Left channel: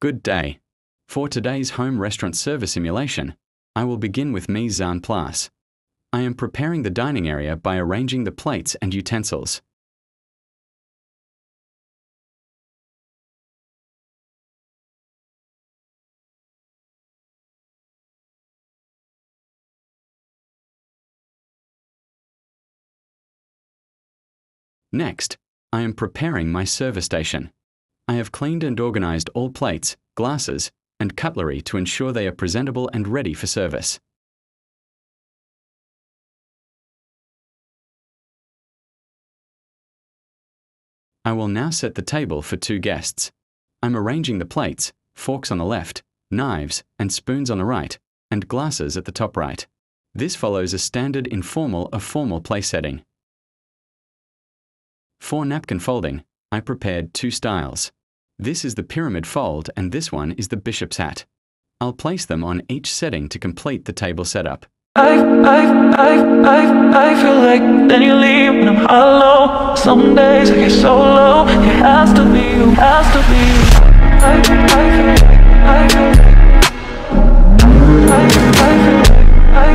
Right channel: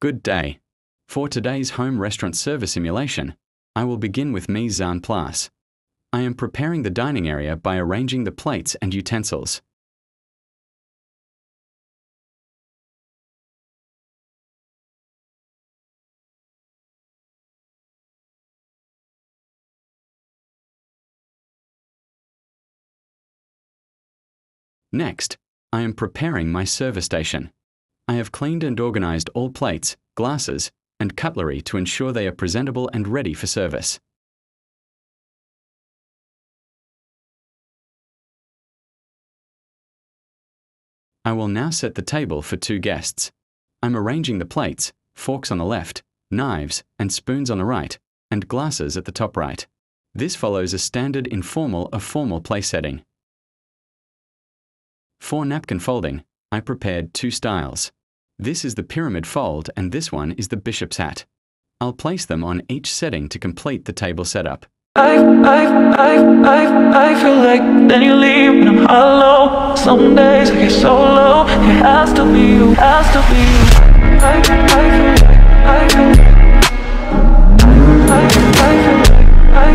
Good day. For today's home restaurant service simulation, I will begin with mise en place. I am preparing the dining area by arranging the plates and utensils. Next, I am preparing my service station. I have cleaned and organized all plates, glasses, and cutlery to ensure they are presentable and ready for service. I will now set the table for 2 guests. I'm arranging the plates, forks on the left, knives and spoons on the right, and glasses at the top right. This follows a standard informal or formal place setting. For napkin folding, I prepared 2 styles. This is the pyramid fold and this one is the bishop's hat. I'll place them on each setting to complete the table setup. I feel like then you leave when I'm hollow. Some days I get so low. It has to be you, has to be you. I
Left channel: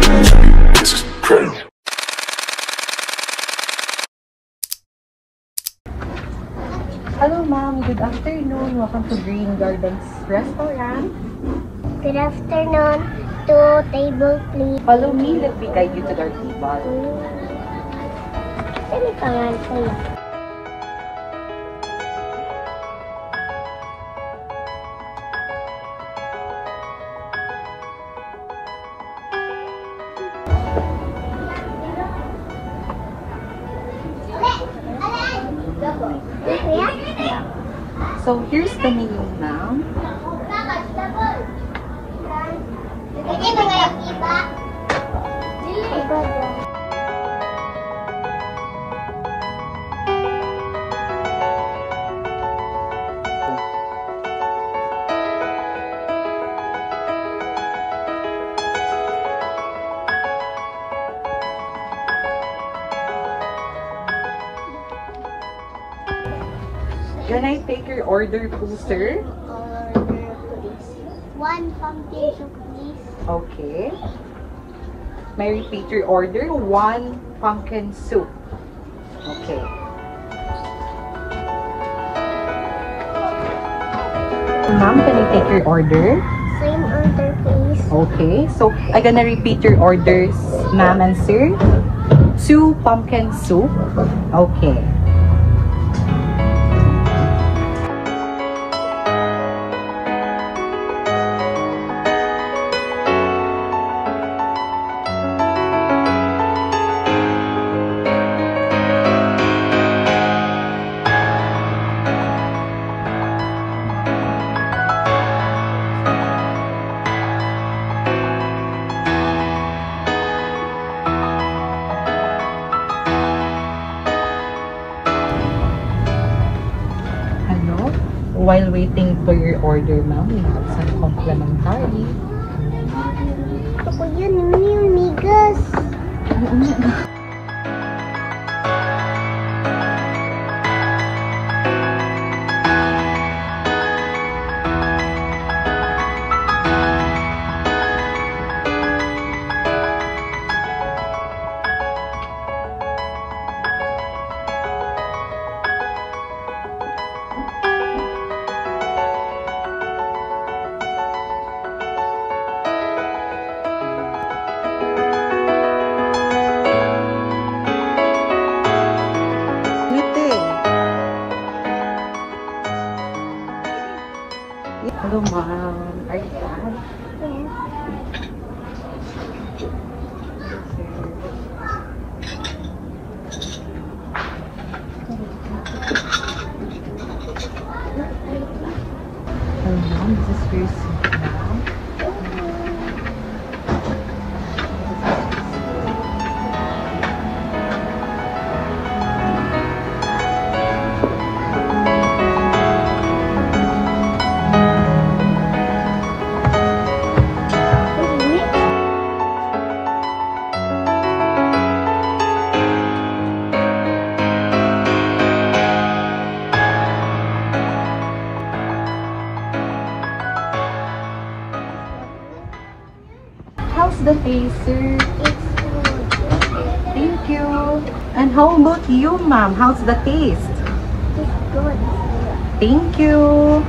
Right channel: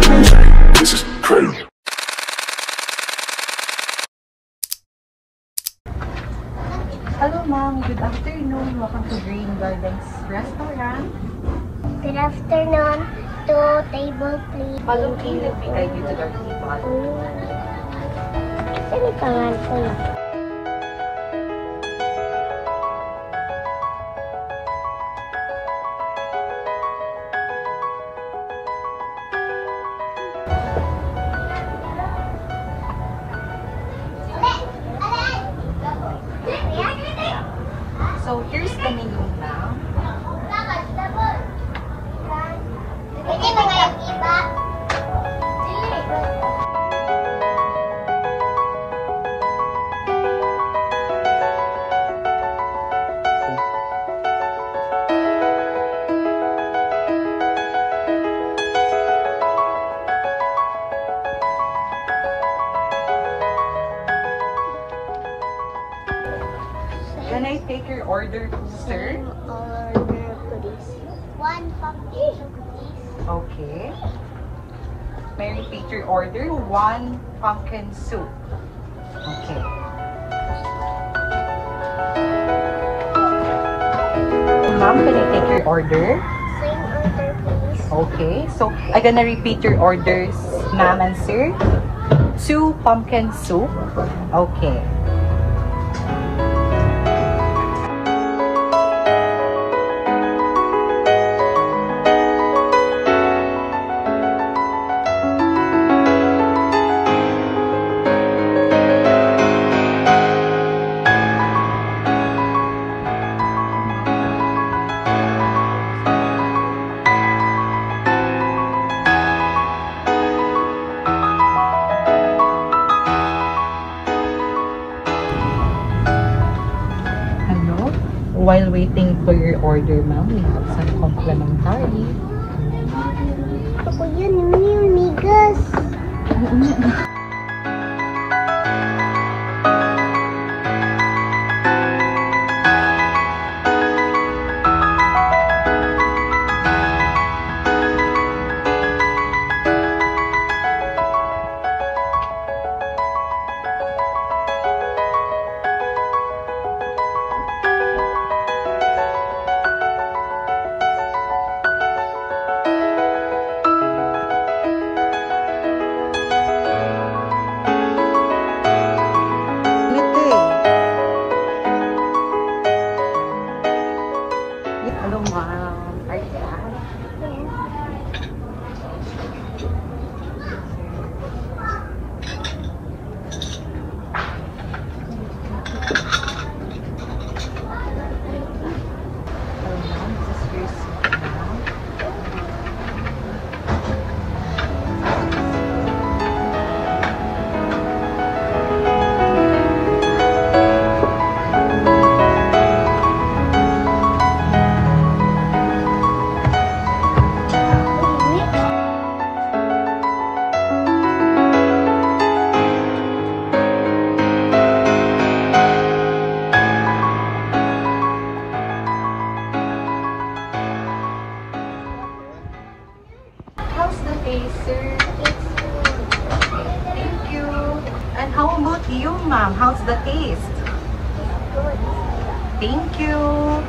feel like this is crazy. Hello ma'am, good afternoon. Welcome to Green Gardens Restaurant. Good afternoon. 2 table please. Follow me, let me guide you to the table. Saan yung pangalan ko lang? So here's the menu, ma'am. Pwede mga iba? Can I take your order, please, sir? 1 pumpkin soup please. Okay. May I repeat your order? 1 pumpkin soup. Okay. Ma'am, can I take your order? Same order please. Okay, so I'm gonna repeat your orders, ma'am and sir. 2 pumpkin soup. Okay. While waiting for your order, ma'am, you have some complimentary. Ako yun, yung migas. how about you, ma'am? How's the taste? Good. Thank you.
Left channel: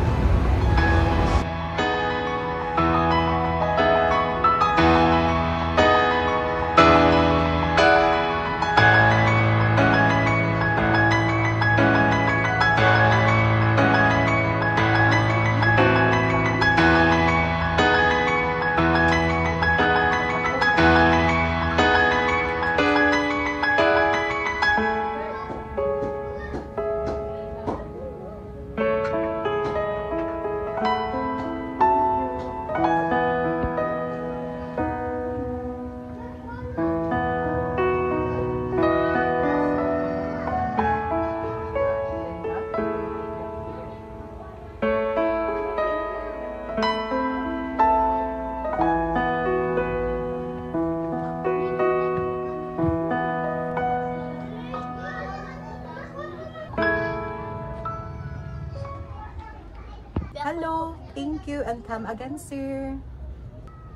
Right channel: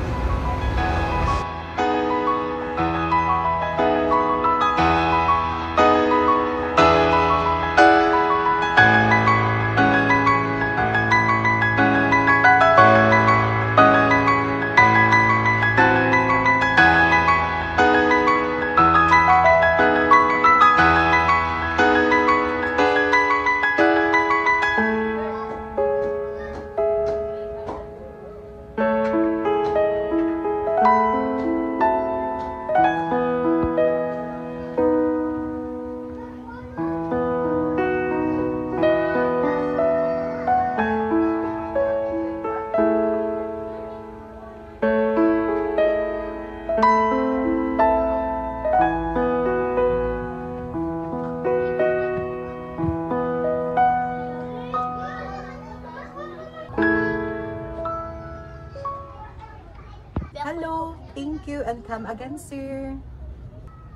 Hello, thank you, and come again, sir.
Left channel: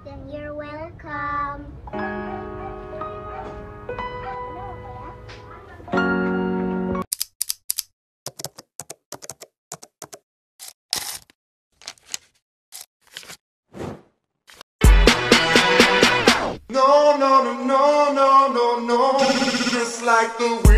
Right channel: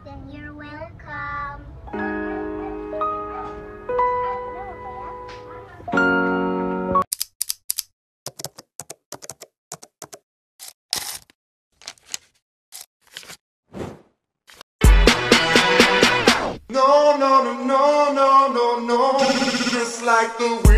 Then you're welcome. No, no, no, no, no, no, no. Just like the wind.